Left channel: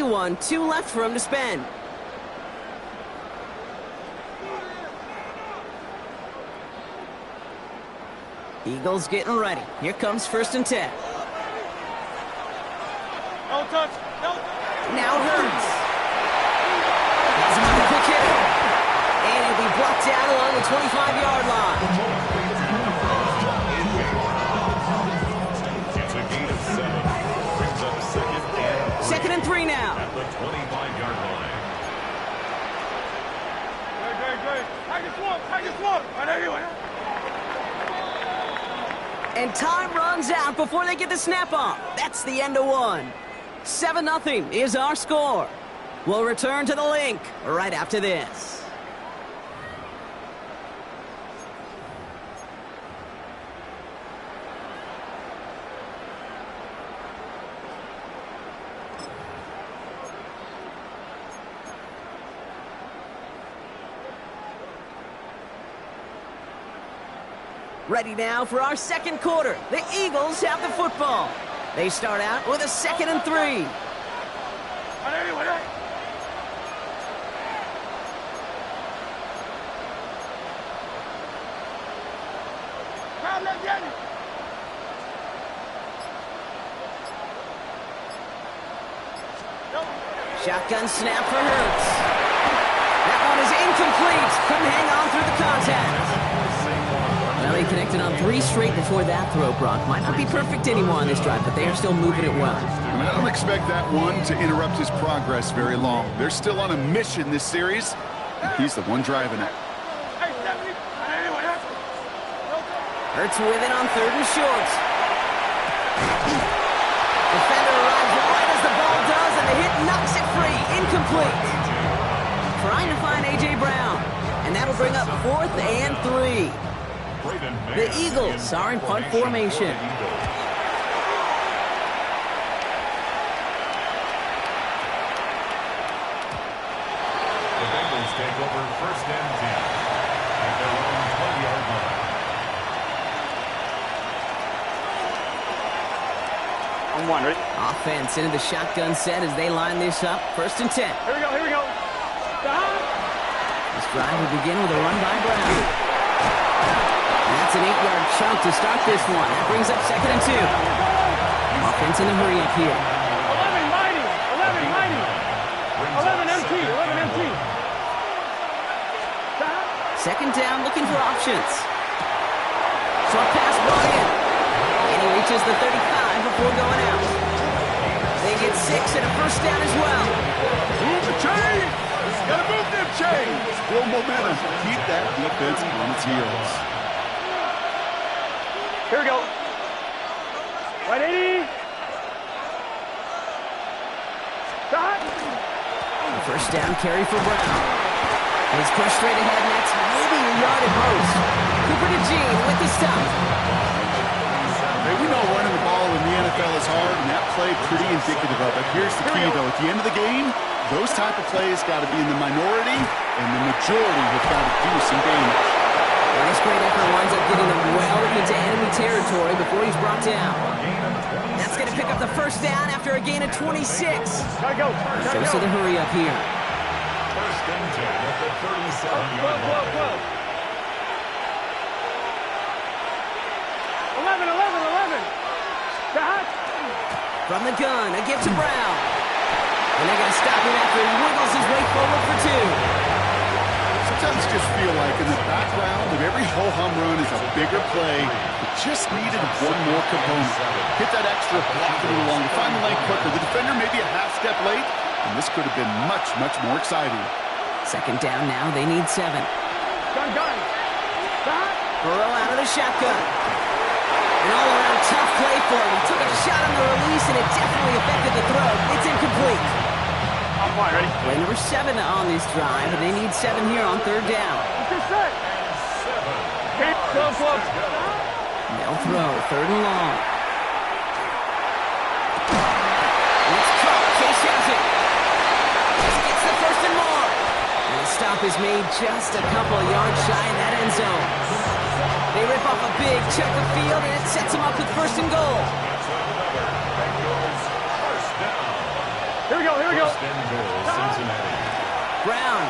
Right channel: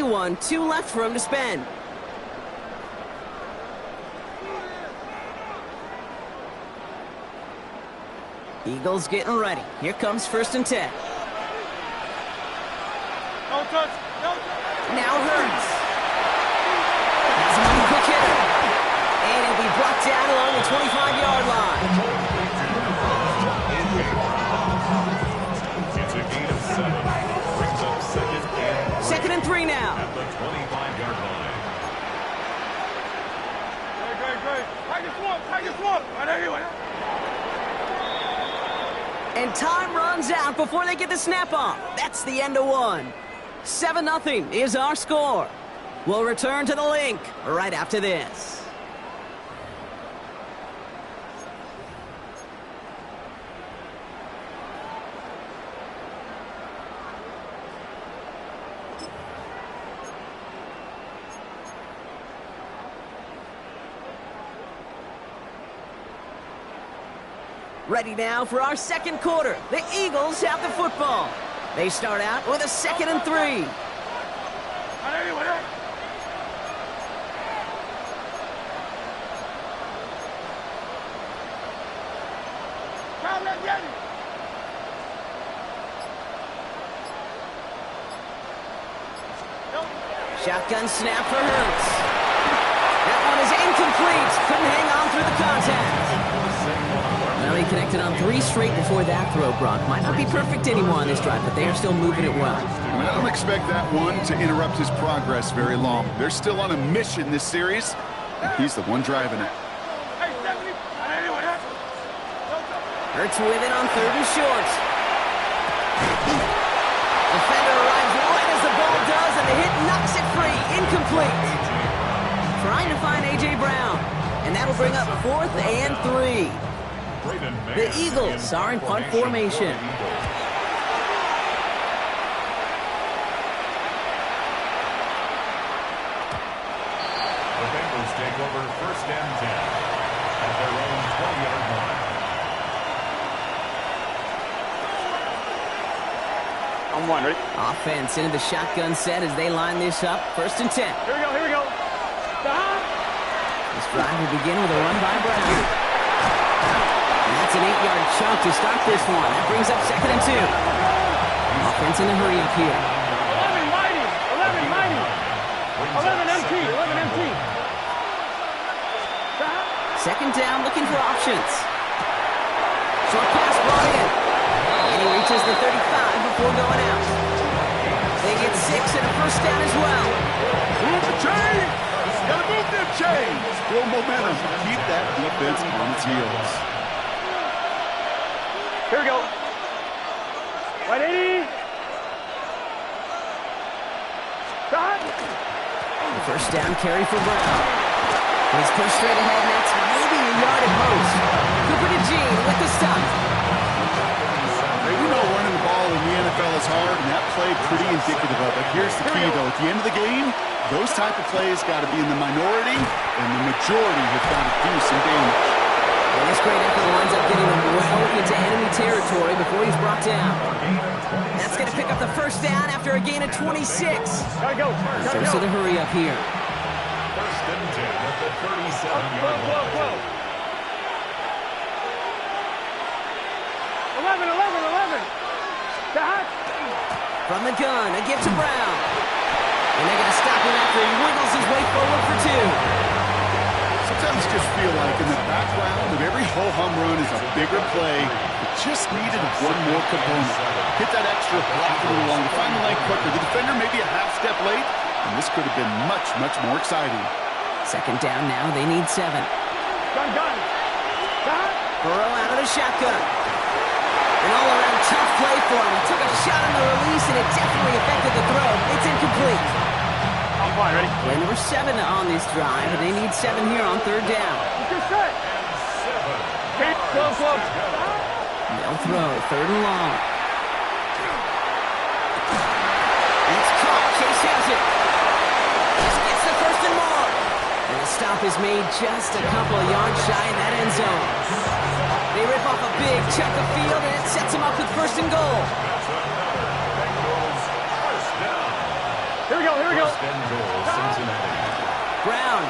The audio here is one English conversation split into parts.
only one, 2 left for him to spend. Eagles getting ready. Here comes 1st and 10. No touch. No touch. Now Hurts. Has him on the quick hitter. And it'll be brought down along the 25-yard line. It's a gain of 7. Brings up 2nd and 3 now. At the 25-yard line. Great. Take this one. Right anyway. And time runs out before they get the snap off. That's the end of one. 7-0 is our score. We'll return to the link right after this. Ready now for our second quarter. The Eagles have the football. They start out with a 2nd and 3. Shotgun snap for Hurts. That one is incomplete. Couldn't hang on through the contact. Well, he connected on 3 straight before that throw, Brock. Might not be perfect anymore on this drive, but they are still moving it well. I don't expect that one to interrupt his progress very long. They're still on a mission this series, and he's the one driving it. Hurts with it on 3rd and short. Defender arrives right as the ball does, and the hit knocks it free. Incomplete. Trying to find A.J. Brown, and that'll bring up 4th and 3. The Eagles are in punt formation. The Bengals take over 1st and 10 at their own 20-yard line. On 1, ready? Offense into the shotgun set as they line this up. 1st and 10. Here we go. Stop. This drive will begin with a run by Brown. And that's an 8-yard chunk to start this one. That brings up 2nd and 2. Offense in a hurry up here. 11 mighty. 11 empty. Stop. 2nd down, looking for options. Short pass brought in. And he reaches the 35 before going out. They get 6 and a 1st down as well. Move the chains! Gotta move them chains! Build momentum. Keep that defense on its heels. Here we go. 180. Stop. 1st down carry for Brown. He's pushed straight ahead, and that's maybe a yard at most. Cooper to Gene with the stop. Hey, we know running the ball in the NFL is hard, and that play pretty indicative of it. Here's the key, though. At the end of the game, those type of plays got to be in the minority, and the majority have got to do some damage. And this great effort winds up getting them well into enemy territory before he's brought down. That's going to pick up the 1st down after a gain of 26. Gotta go. So the hurry up here. 1st and 10 at the 37-yard line. 11. Stop. From the gun, a give to Brown. And they're going to stop him after he wiggles his way forward for 2. Sometimes just feel like in the background of every ho-hum run is a bigger play. It just needed one more component. Hit that extra block a little longer. Find the lane quicker. The defender may be a half step late, and this could have been much, much more exciting. 2nd down now. They need 7. Gun. Stop. Burrow out of the shotgun. An all-around tough play for him. He took a shot on the release, and it definitely affected the throw. It's incomplete. I'm fine, ready? Play number 7 on this drive, and they need 7 here on 3rd down. Get set. 7. Close. They'll throw 3rd and long. It's caught. Chase has it. Just gets the 1st and more. And the stop is made just a couple of yards shy in that end zone. They rip off a big chunk of field, and it sets them up with 1st and goal. That's another Bengals 1st down. Here we go, here we go. First and goal, Cincinnati. Brown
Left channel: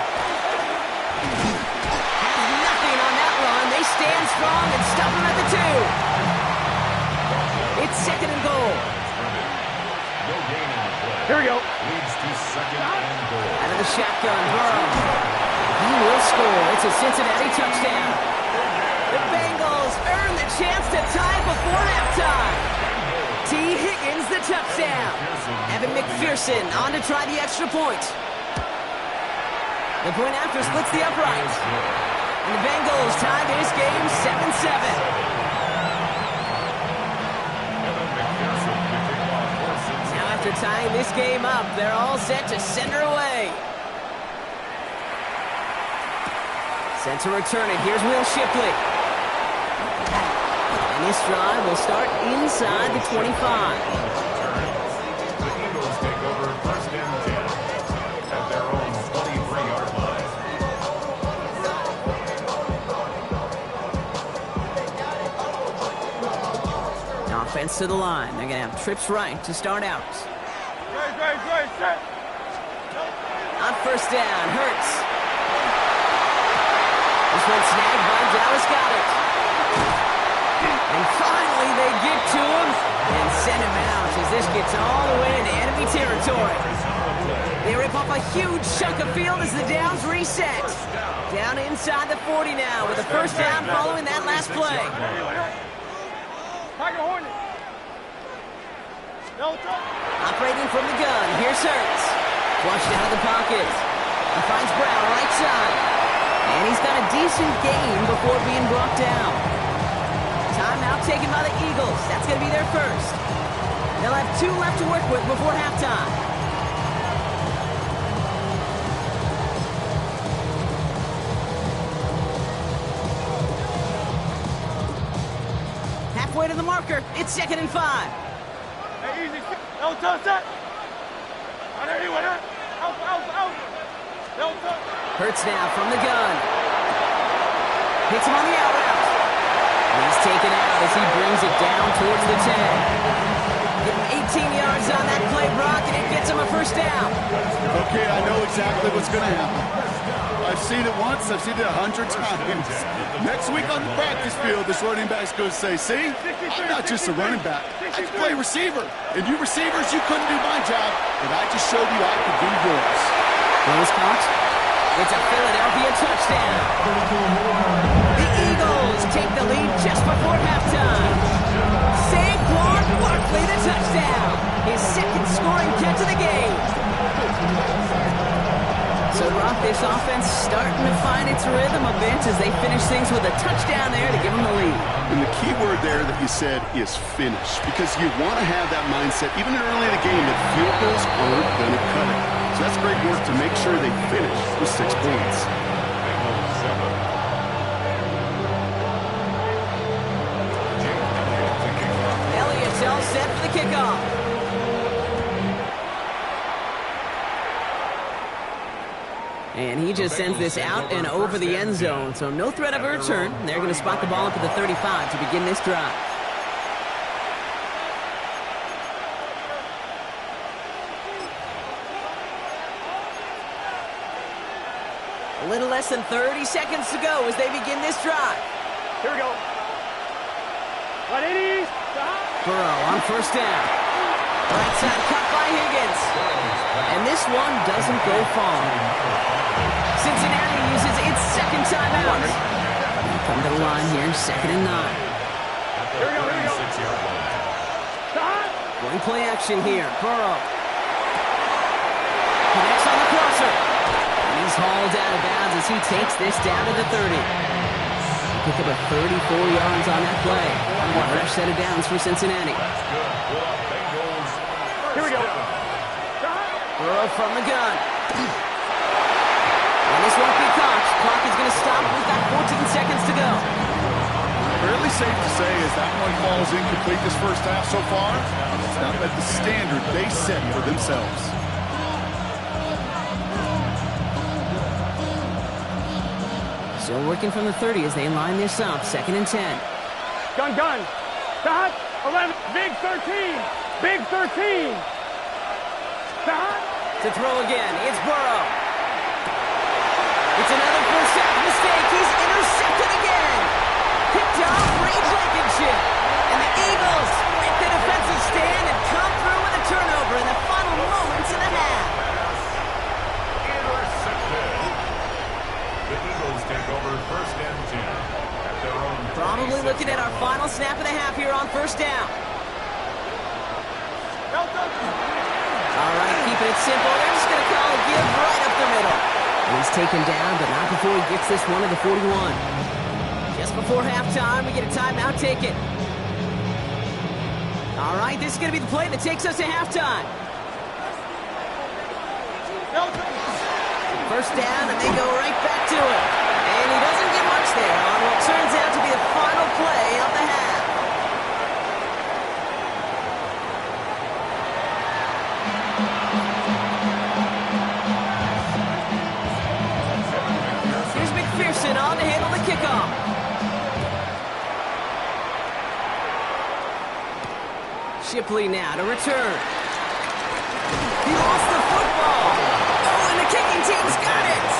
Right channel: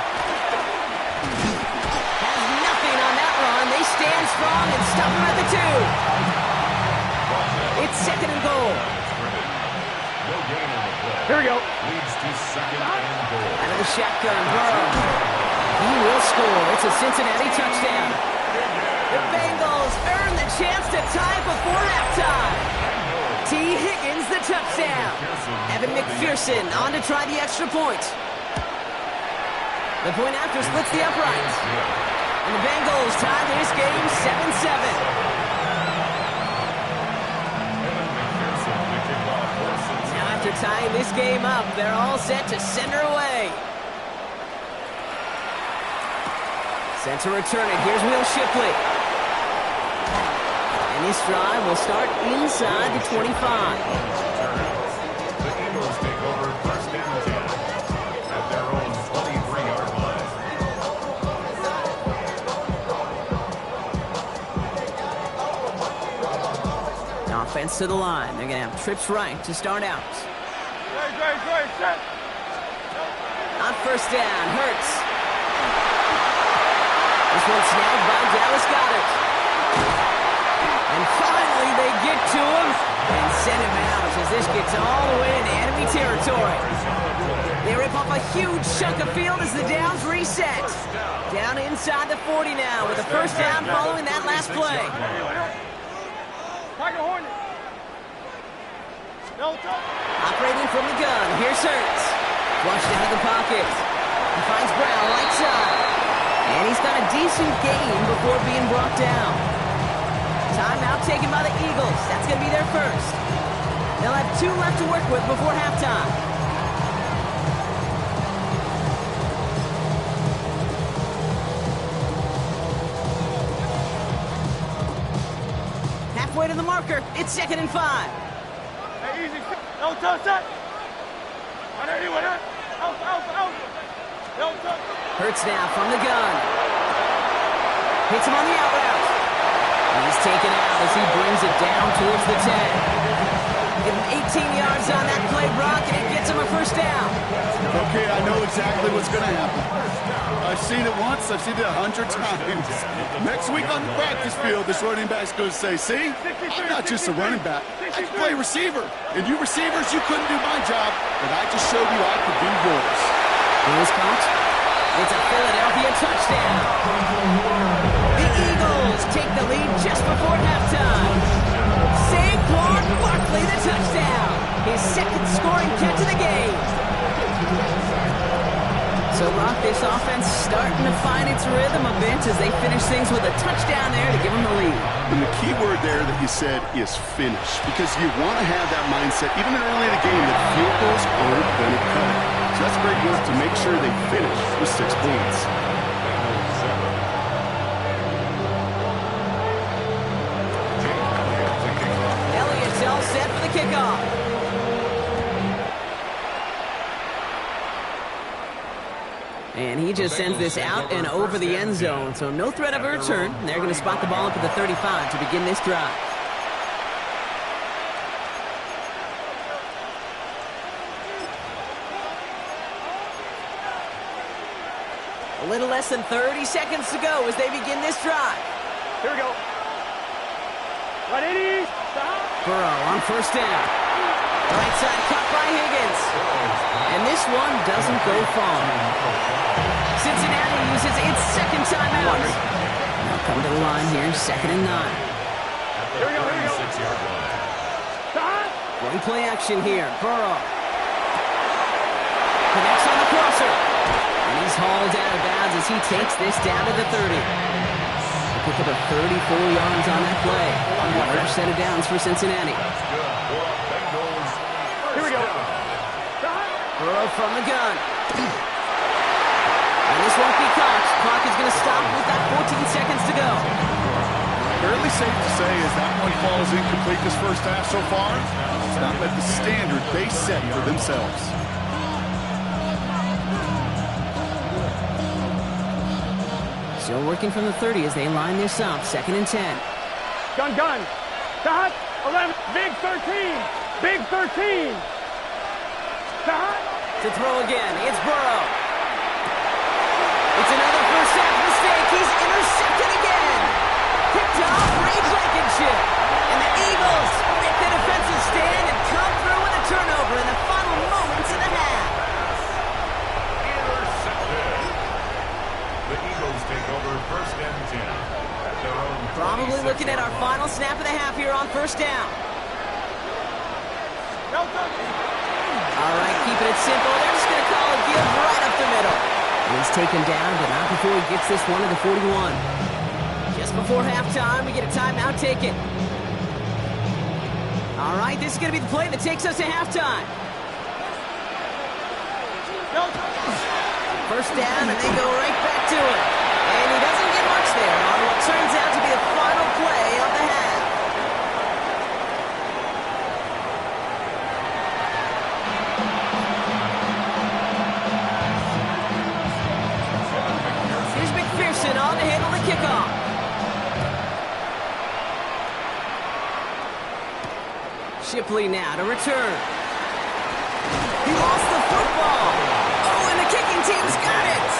has nothing on that run. They stand strong and stop him at the 2. It's second and goal. No gain on the play. Here we go. Leads to second and goal. Out of the shotgun, Burrow. He will score. It's a Cincinnati touchdown. The Bengals earn the chance to tie before halftime. T. Higgins, the touchdown. Evan McPherson on to try the extra point. The point after splits the uprights. And the Bengals tie this game 7-7. Now after tying this game up, they're all set to send her away. Sent to return it. Here's Will Shipley. And this drive will start inside the 25. The Eagles take over first and 10 at their own 23-yard line. Now offense to the line. They're going to have trips right to start out. Great, set. On first down, Hurts. This one snagged by Dallas Goedert. And finally they get to him and send him out as this gets all the way into enemy territory. They rip off a huge chunk of field as the downs reset. Down inside the 40 now with a first down following that last play. Operating from the gun, here's Hurts. Flushed out of the pocket. He finds Brown right side. And he's got a decent gain before being brought down. Timeout taken by the Eagles. That's going to be their first. They'll have 2 left to work with before halftime. Halfway to the marker. It's second and 5. Hey, easy. No touch that. On anyone, out. No touch. Hurts now from the gun. Hits him on the out route. And he's taken out as he brings it down towards the 10. Give him 18 yards on that play, Brock, and it gets him a first down. Okay, I know exactly what's going to happen. I've seen it once. I've seen it 100 times. Next week on the practice field, this running back's going to say, see, I'm not just a running back. I can play receiver. And you receivers, you couldn't do my job, but I just showed you I could do yours. Close count. It's a Philadelphia touchdown. The Eagles take the lead just before halftime. Saquon Barkley, the touchdown. His second scoring catch of the game. So, Brock, this offense starting to find its rhythm a bit as they finish things with a touchdown there to give them the lead. And the key word there that you said is finish, because you want to have that mindset, even early in the game, that field goals aren't going to cut it. So that's great work to make sure they finish with 6 points. Elliott's all set for the kickoff. And he just sends this out and over the end zone, so no threat of a return. They're going to spot the ball up at the 35 to begin this drive. A little less than 30 seconds to go as they begin this drive. Here we go. 180. Burrow on first down. Right side cut by Higgins. And this one doesn't go far. Cincinnati uses its second timeout. Now come to the line here, second and 9. Here we go, here we go. 6-yard line. Going play action here. Burrow. Connects on the crosser. And he's hauled out of bounds as he takes this down to the 30. Pick up a 34 yards on that play. A fresh set of downs for Cincinnati. That's good. Bengals. Here we go. Burrow from the gun. And this won't be caught. Clock is going to stop. We've got 14 seconds to go. Fairly safe to say as that one falls incomplete this first half so far, it's not met the standard they set for themselves. Still working from the 30 as they line this up. Second and 10. Gun. Dot. 11. Big 13. Big 13. Dot. To throw again, it's Burrow. It's another first half mistake. He's intercepted again. Picked off Reed Blankenship. And the Eagles make the defensive stand and come through with a turnover in the final moments of the half. Intercepted. The Eagles take over first and 10 at their own. Probably looking at our final snap of the half here on first down. All right, keeping it simple. They're just going to call a give right up the middle. And he's taken down, but not before he gets this one to the 41. Just before halftime, we get a timeout taken. All right, this is going to be the play that takes us to halftime. First down, and they go right back to it. And he doesn't get much there on what turns out to be the final play of the half. Here's McPherson on to handle the kickoff. Shipley now to return. He lost the football. Oh, and the kicking team's got it.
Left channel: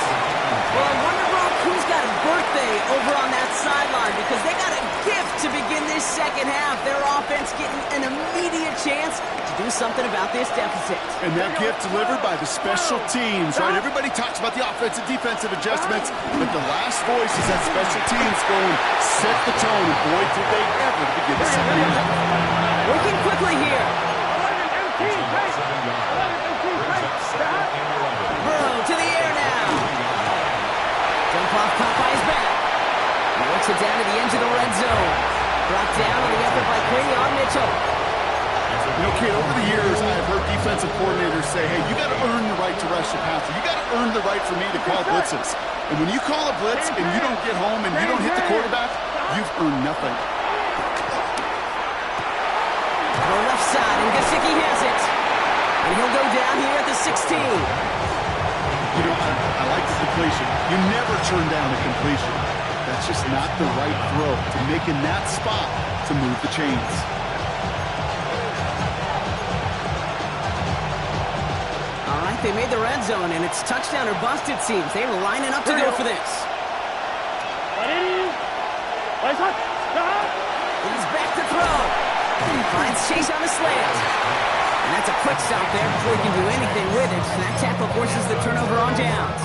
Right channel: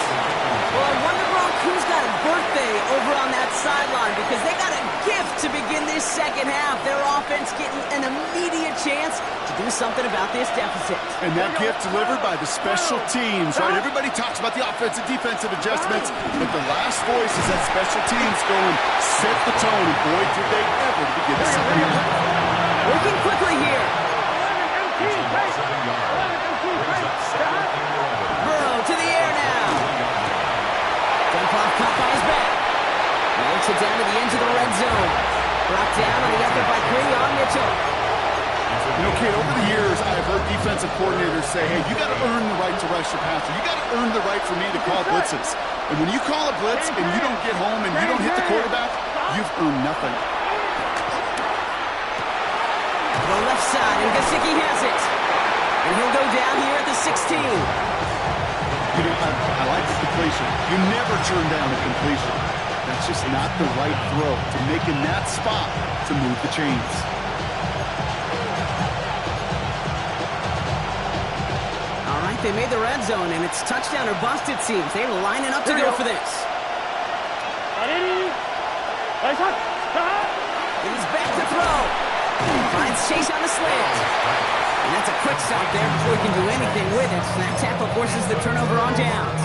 Well, I wonder, Brock, who's got a birthday over on that sideline, because they got a gift to begin this second half. Their offense getting an immediate chance to do something about this deficit. And that gift delivered by the special teams, right? Everybody talks about the offensive, defensive adjustments, but the last voice is that special teams going, set the tone, and boy, did they ever to begin the second half. Working quickly here. Burrow to the air now. Dump off, caught by his back. He works it down to the edge of the red zone. Brought down on the effort by Quinion Mitchell. You know, Kate, over the years, I've heard defensive coordinators say, hey, you got to earn the right to rush the passer. You got to earn the right for me to call blitzes. And when you call a blitz and you don't get home and you don't hit the quarterback, you've earned nothing. The left side, and Gesicki has it. And he'll go down here at the 16. You know, I like the completion. You never turn down a completion. That's just not the right throw to make in that spot to move the chains. All right, they made the red zone, and it's touchdown or bust, it seems. They're lining up to go for this. He's back to throw. Finds Chase on the slant. And that's a quick stop there before he can do anything with it. That tackle forces the turnover on downs.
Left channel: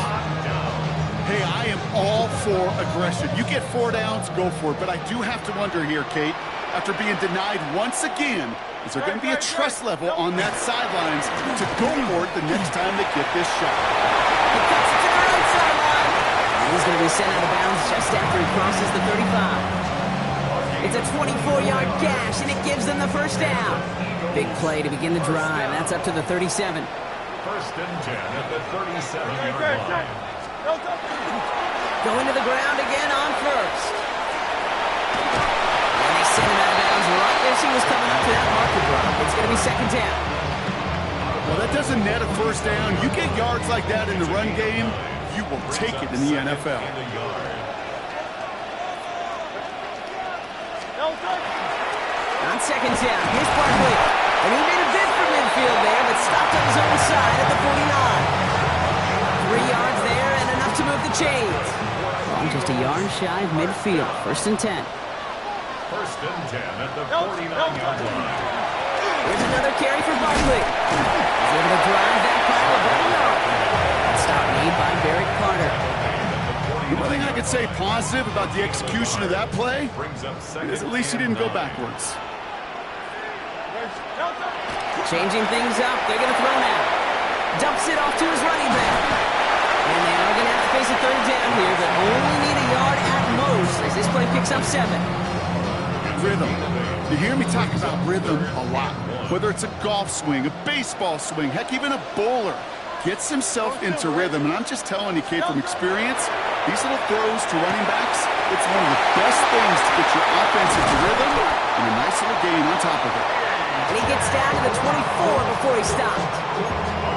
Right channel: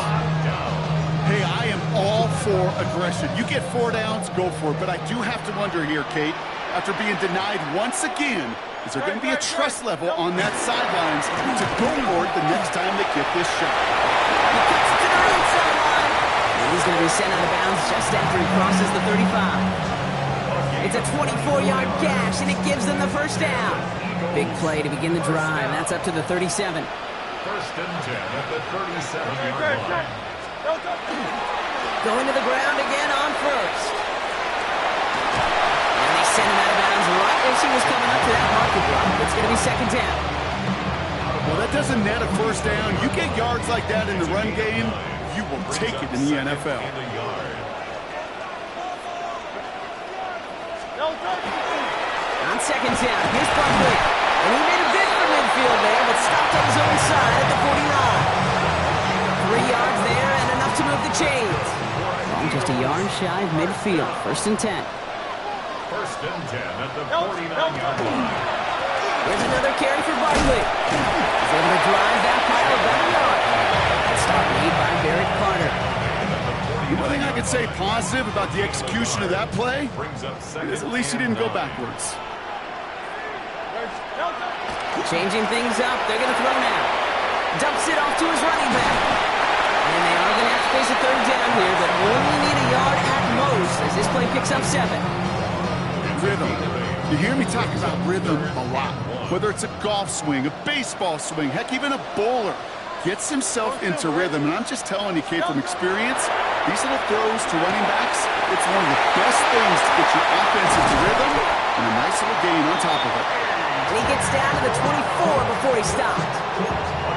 Hey, I am all for aggression. You get 4 downs, go for it. But I do have to wonder here, Kate, after being denied once again, is there going to be a trust level on that sidelines to go for it the next time they get this shot? He cuts it to the right sideline. And he's going to be sent out of bounds just after he crosses the 35. It's a 24-yard gash, and it gives them the first down. Big play to begin the drive. That's up to the 37. First and 10 at the 37-yard line. Going to the ground again on first. And they sent him out of bounds right as he was coming up to that marker drop. It's going to be second down. Well, that doesn't net a first down. You get yards like that in the run game, you will take it in the NFL. On second down, here's Barkley. And he made a bid for midfield there, but stopped on his own side at the 49. 3 yards there and enough to move the chains. Well, just a yard shy of midfield. First and 10. First and 10 at the 49-yard line. Here's another carry for Barkley. He's able to drive that pile about a yard. That stop made by Barrett Carter. The one thing I could say positive about the execution of that play is at least he didn't go backwards. Changing things up. They're going to throw now. Dumps it off to his running back. And they are going to have to face a third down here, but only need a yard at most as this play picks up 7. Rhythm. You hear me talk about rhythm a lot. Whether it's a golf swing, a baseball swing, heck, even a bowler gets himself into rhythm. And I'm just telling you, Kate, from experience, these little throws to running backs, it's one of the best things to get your offense into rhythm and a nice little gain on top of it. And he gets down to the 24 before he stopped.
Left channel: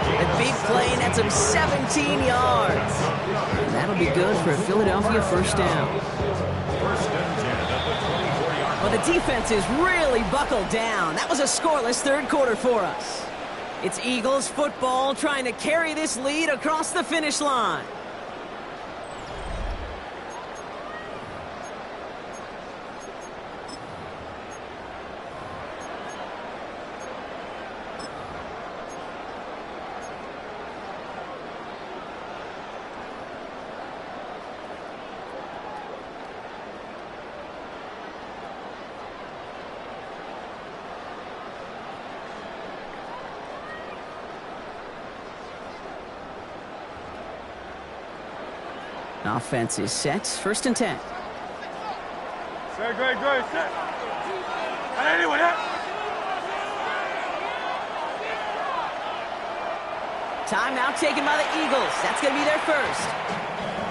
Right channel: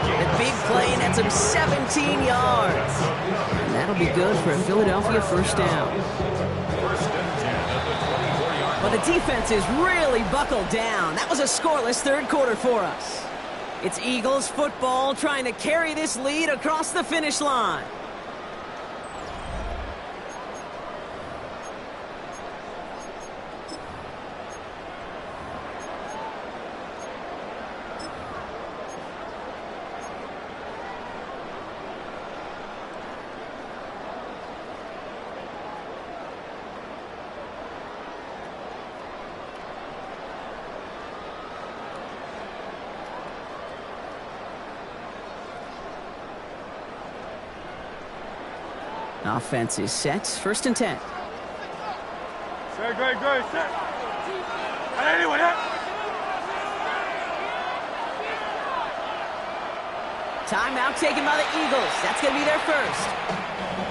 The big play, and that's him 17 yards. And that'll be good for a Philadelphia first down. First and 10 at the 24-yard line. Well, the defense is really buckled down. That was a scoreless third quarter for us. It's Eagles football trying to carry this lead across the finish line. Offense is set. 1st and 10. Set, great, set. Anyone, Timeout taken by the Eagles. That's going to be their first.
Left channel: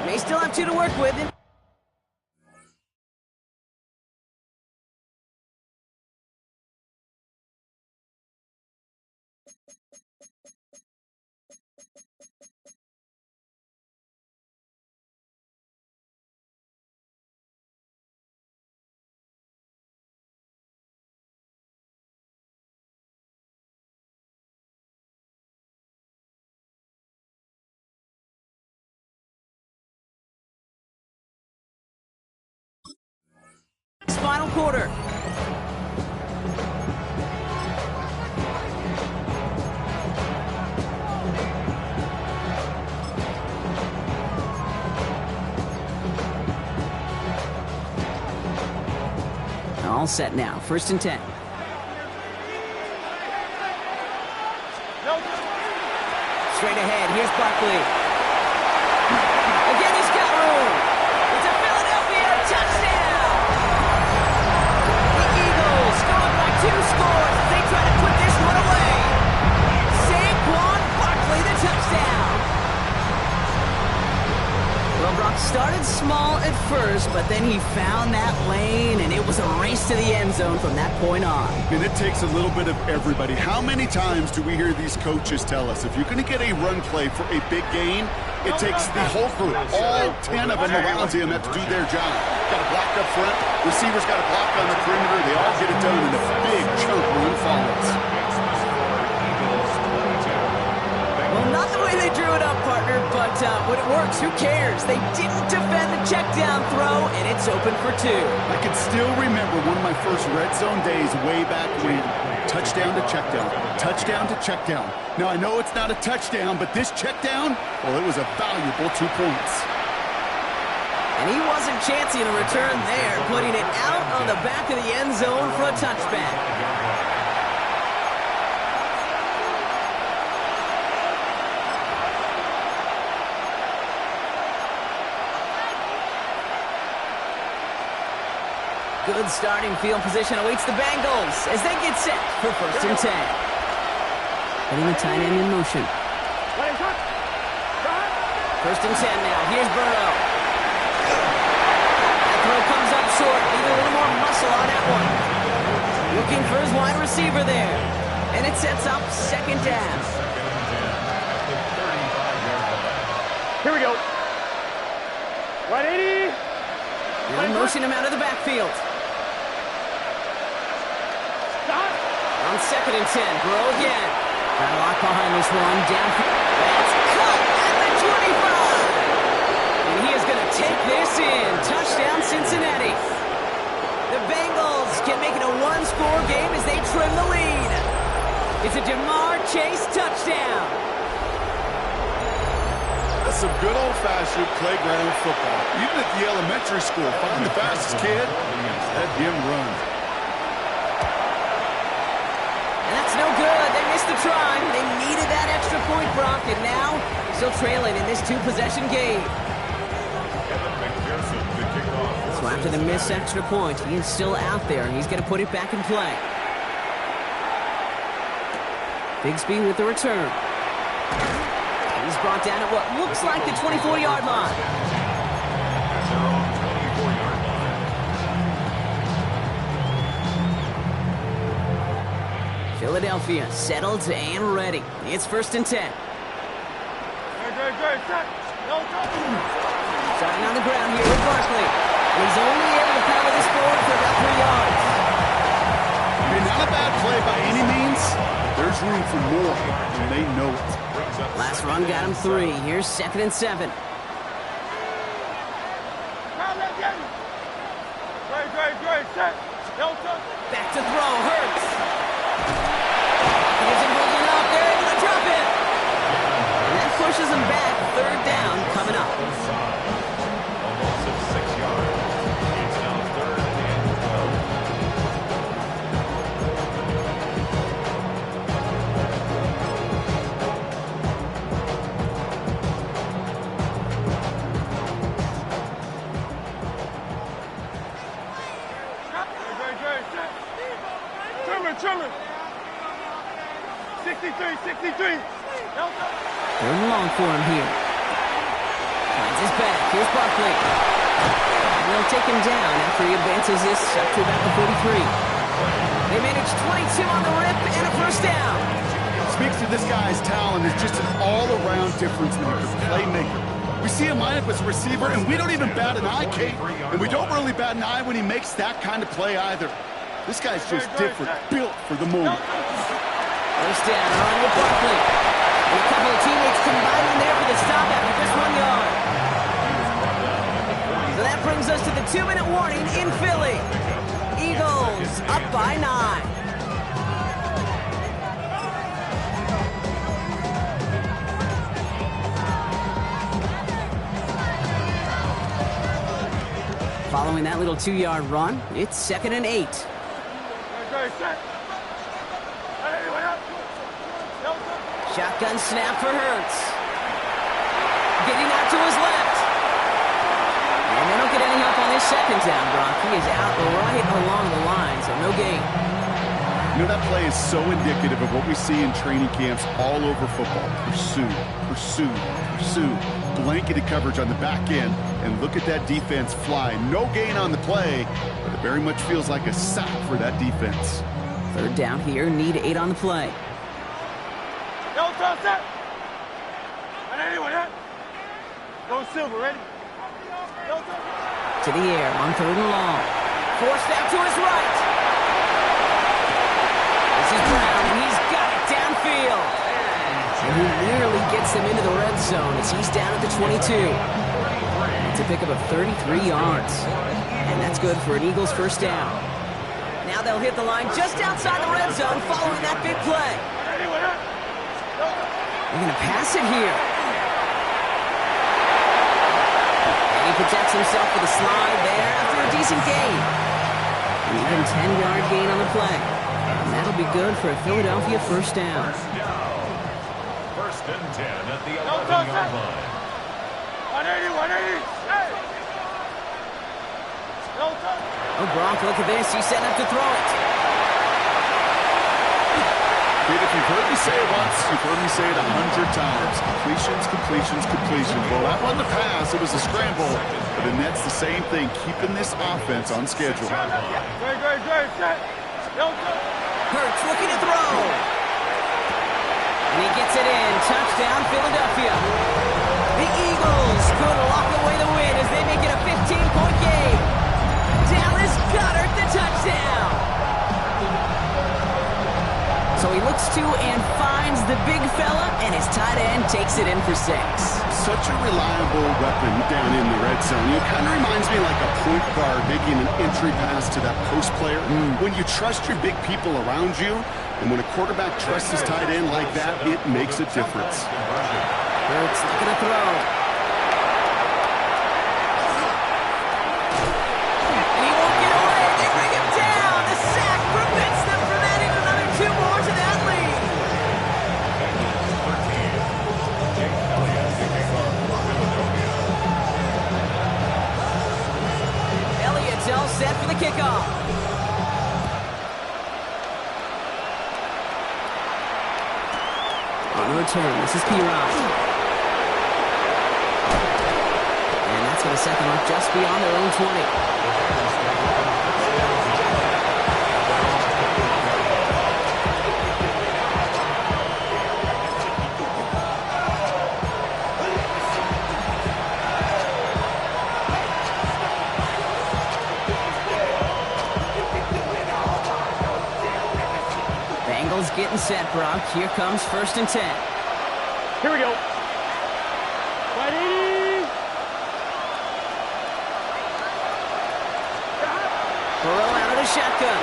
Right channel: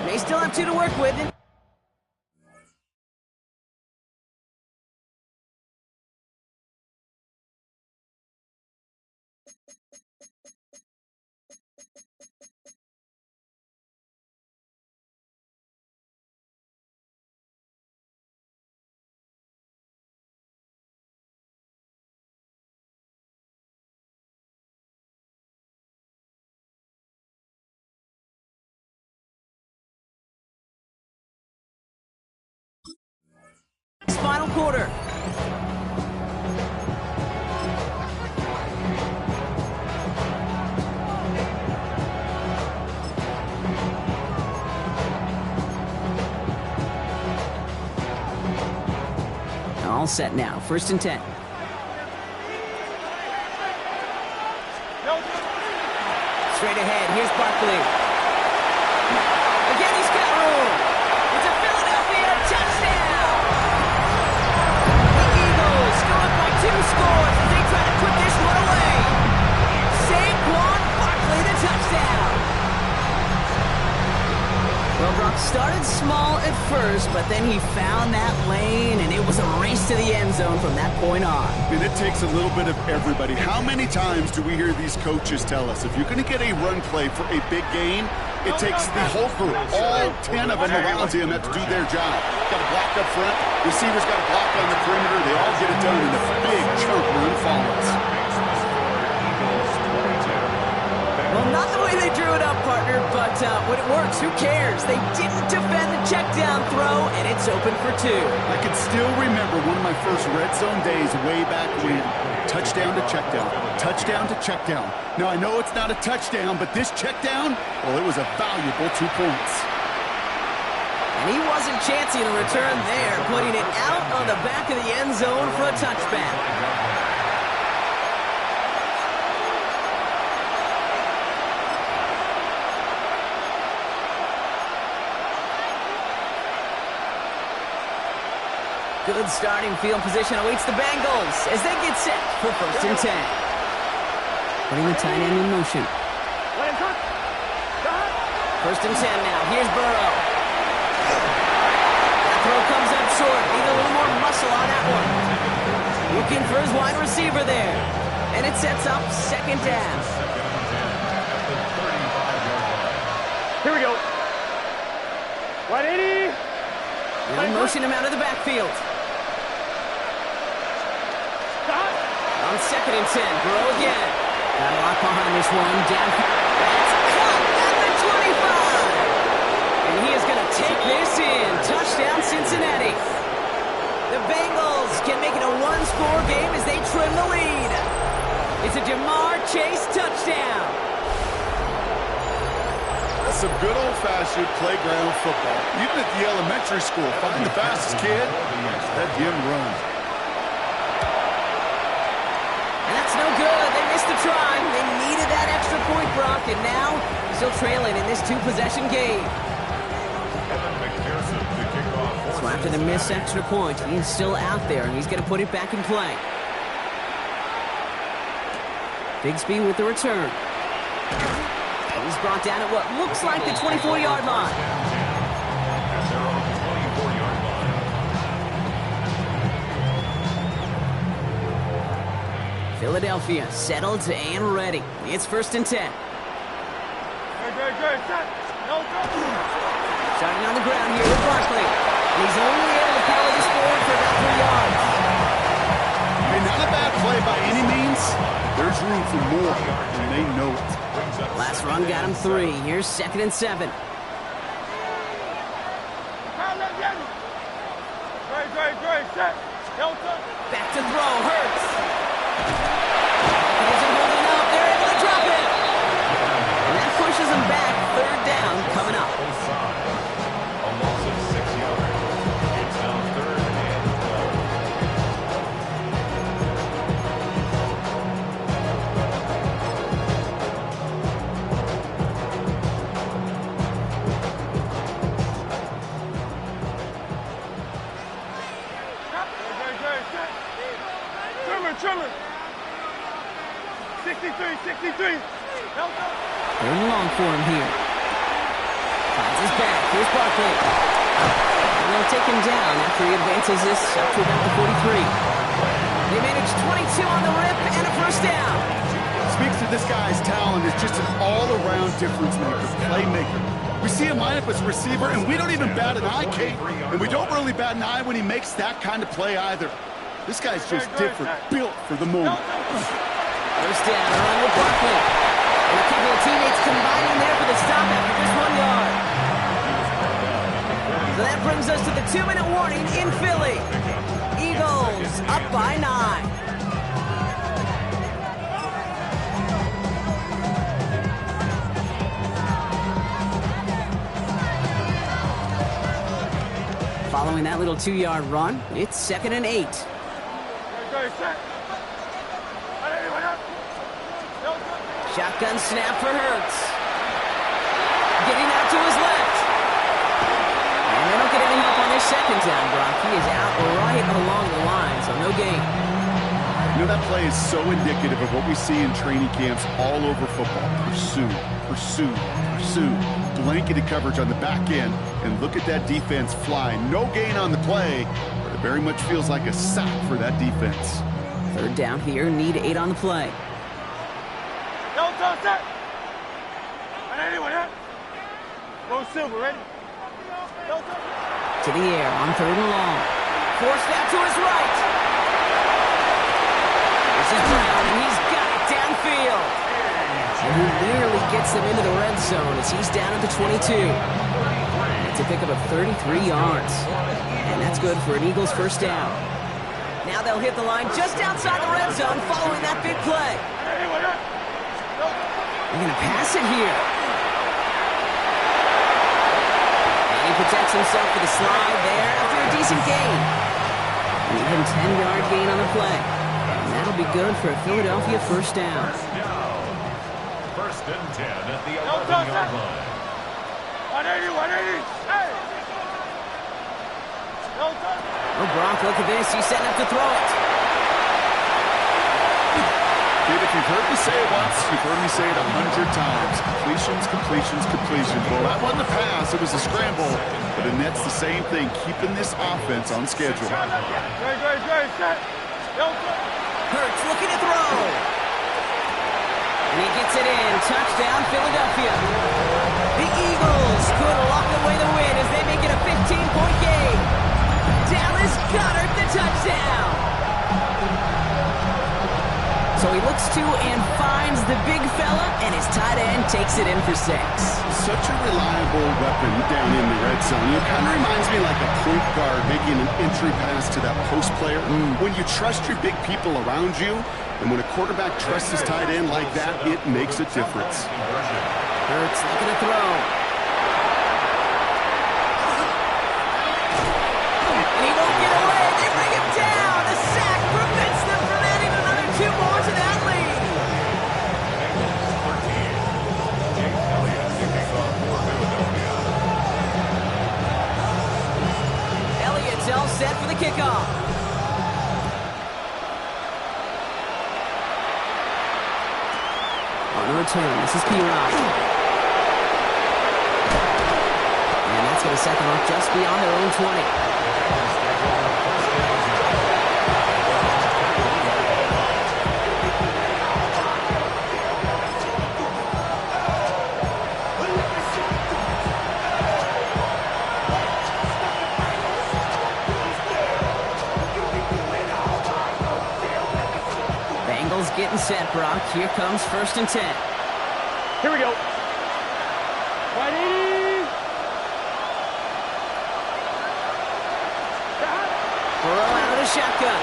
They still have 2 to work with. Final quarter. All set now. 1st and 10. Straight ahead. Here's Barkley. Again, he's got room. It's a Philadelphia touchdown. The Eagles go up by 2 scores as they try to put this one away. Saquon Barkley, the touchdown. Well, Brock started small at first, but then he found that lane, and it was a race to the end zone from that point on. And it takes a little bit of everybody. How many times do we hear these coaches tell us, if you're going to get a run play for a big gain, it takes the whole group, all 10 of them around him have to do their job. Got to block up front, receivers got to block on the perimeter, they all get it done, and a big chunk run follows. Well, not the way they drew it up, partner, but when it works, who cares? They didn't defend the check down throw, and it's open for 2. I can still remember one of my first red zone days way back when. Touchdown to check down, touchdown to check down. Now, I know it's not a touchdown, but this check down, well, it was a valuable 2 points. And he wasn't chancing a return there, putting it out on the back of the end zone for a touchback. Good starting field position awaits the Bengals as they get set for 1st and 10. Putting the tight end in motion. 1st and 10 now. Here's Burrow. That throw comes up short. Need a little more muscle on that one. Looking for his wide receiver there. And it sets up 2nd down. Here we go. 180. They'll motion him out of the backfield. On 2nd and 10, Burrow again. Got a lot behind this one. Downfield. That's caught at the 25. And he is going to take this in. Touchdown, Cincinnati. The Bengals can make it a 1-score game as they trim the lead. It's a Jamar Chase touchdown. That's some good old-fashioned playground football. Even at the elementary school, find the fastest kid, let him run. And that's no good. They missed the try. They needed that extra point, Brock, and now still trailing in this 2-possession game. So after the missed extra point, he is still out there, and he's going to put it back in play. Bigsby with the return. He's brought down at what looks like the 24-yard line. At their own 24-yard line. Philadelphia settled and ready. It's 1st and 10. Starting on the ground here with Barkley. And he's only able to power this forward for about 3 yards. Hey, not a bad play by any means. There's room for more, and they know it. Last run got him 3. Here's 2nd and 7. Back to throw, Hurts. He isn't holding up. They're able to drop it. And that pushes him back. 3rd down coming up. A loss of 6 yards. It's now 3rd and 12. Trimmer. 63. 3rd and long for him here. Finds his back. Here's Barkley. And they'll take him down after he advances this up to about the 43. They manage 22 on the rip and a 1st down. Speaks to this guy's talent as just an all-around difference maker, playmaker. We see him line up as a receiver, and we don't even bat an eye, Kate. And we don't really bat an eye when he makes that kind of play either. This guy's just different, built for the moment. 1st down, a run with Barkley. And a couple of teammates combining there for the stop after just 1 yard. So that brings us to the 2-minute warning in Philly. Eagles up by 9. Following that little 2-yard run, it's 2nd and 8. Shotgun snap for Hurts. Getting out to his left. And they don't get any help on this 2nd down, Brock. He is out right along the line, so no gain. You know, that play is so indicative of what we see in training camps all over football. Pursue. Blanketed coverage on the back end, and look at that defense fly. No gain on the play, but it very much feels like a sack for that defense. 3rd down here, need 8 on the play. Set. Go Silver, ready? To the air on 3rd and long. Forced out to his right. This is Brown, and he's got it downfield. And he nearly gets them into the red zone as he's down at the 22. It's a pickup of 33 yards. And that's good for an Eagles 1st down. Now they'll hit the line just outside the red zone following that big play. They're going to pass it here. And he protects himself with a slide there after a decent gain. An even 10-yard gain on the play. And that'll be good for a Philadelphia 1st down. 1st and 10 at the 11-yard line. 180. Hey! Oh, Gronk, look at this. He's setting up to throw it. Kid, if you've heard me say it once, you've heard me say it 100 times. Completions. Well, that wasn't a pass. It was a scramble. But the Nets, the same thing, keeping this offense on schedule. Great. Set. Hurts looking to throw. And he gets it in. Touchdown, Philadelphia. The Eagles could lock away the win as they make it a 15-point game. Dallas Goedert, the touchdown. So he looks to and finds the big fella, and his tight end takes it in for 6. Such a reliable weapon down in the red zone. It kind of reminds me like a point guard making an entry pass to that post player. When you trust your big people around you, and when a quarterback trusts his tight end like that, it makes a difference. Hurts looking to throw. And he won't get away. They bring him down. The sack prevents them from adding another 2 more to that lead. Bengals 13. Jake Elliott kicking off for Philadelphia. Elliott's all set for the kickoff. On the return, this is P-Rod. And that's going to set them up just beyond their own 20. Eagles getting set, Brock. Here comes 1st and 10. Here we go. Wide 80. Burrow out of the shotgun.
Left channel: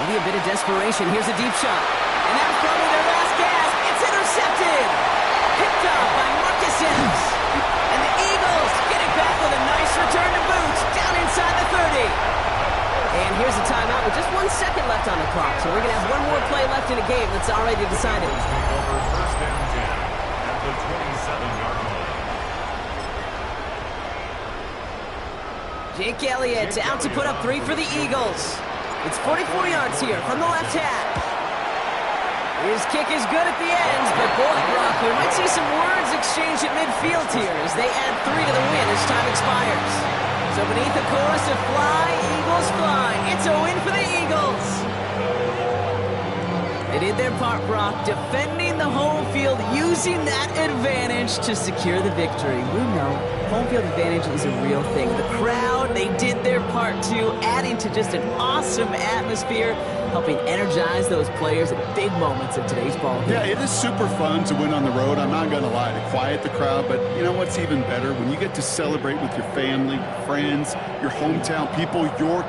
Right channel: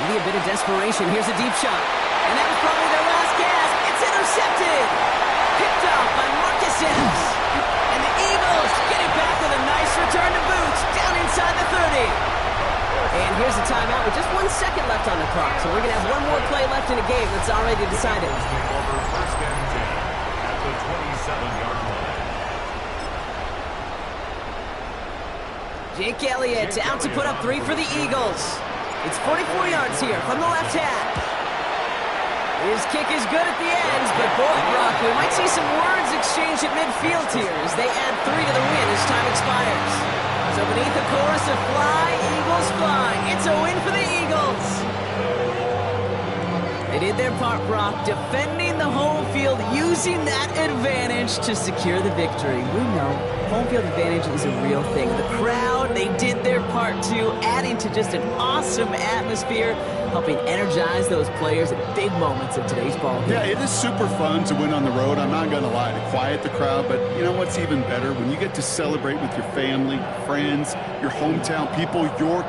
Maybe a bit of desperation. Here's a deep shot. And that was probably their last gasp. It's intercepted. Picked off by Marcus Epps. And the Eagles get it back with a nice return to boot down inside the 30. And here's a timeout with just 1 second left on the clock. So we're going to have one more play left in a game that's already decided. Take over 1st and 10 at the 27-yard line. Jake Elliott out to put up 3 for the Eagles. It's 44 yards here from the left hash. His kick is good at the end, but boy, Brock, we might see some words exchanged at midfield here as they add 3 to the win as time expires. So beneath the chorus of fly, Eagles fly, it's a win for the Eagles. They did their part, Brock, defending the home field, using that advantage to secure the victory. We know home field advantage is a real thing. The crowd, they did their part too, adding to just an awesome atmosphere, helping energize those players at big moments of today's ball game. Yeah, it is super fun to win on the road. I'm not going to lie, to quiet the crowd. But you know what's even better? When you get to celebrate with your family, friends, your hometown people, your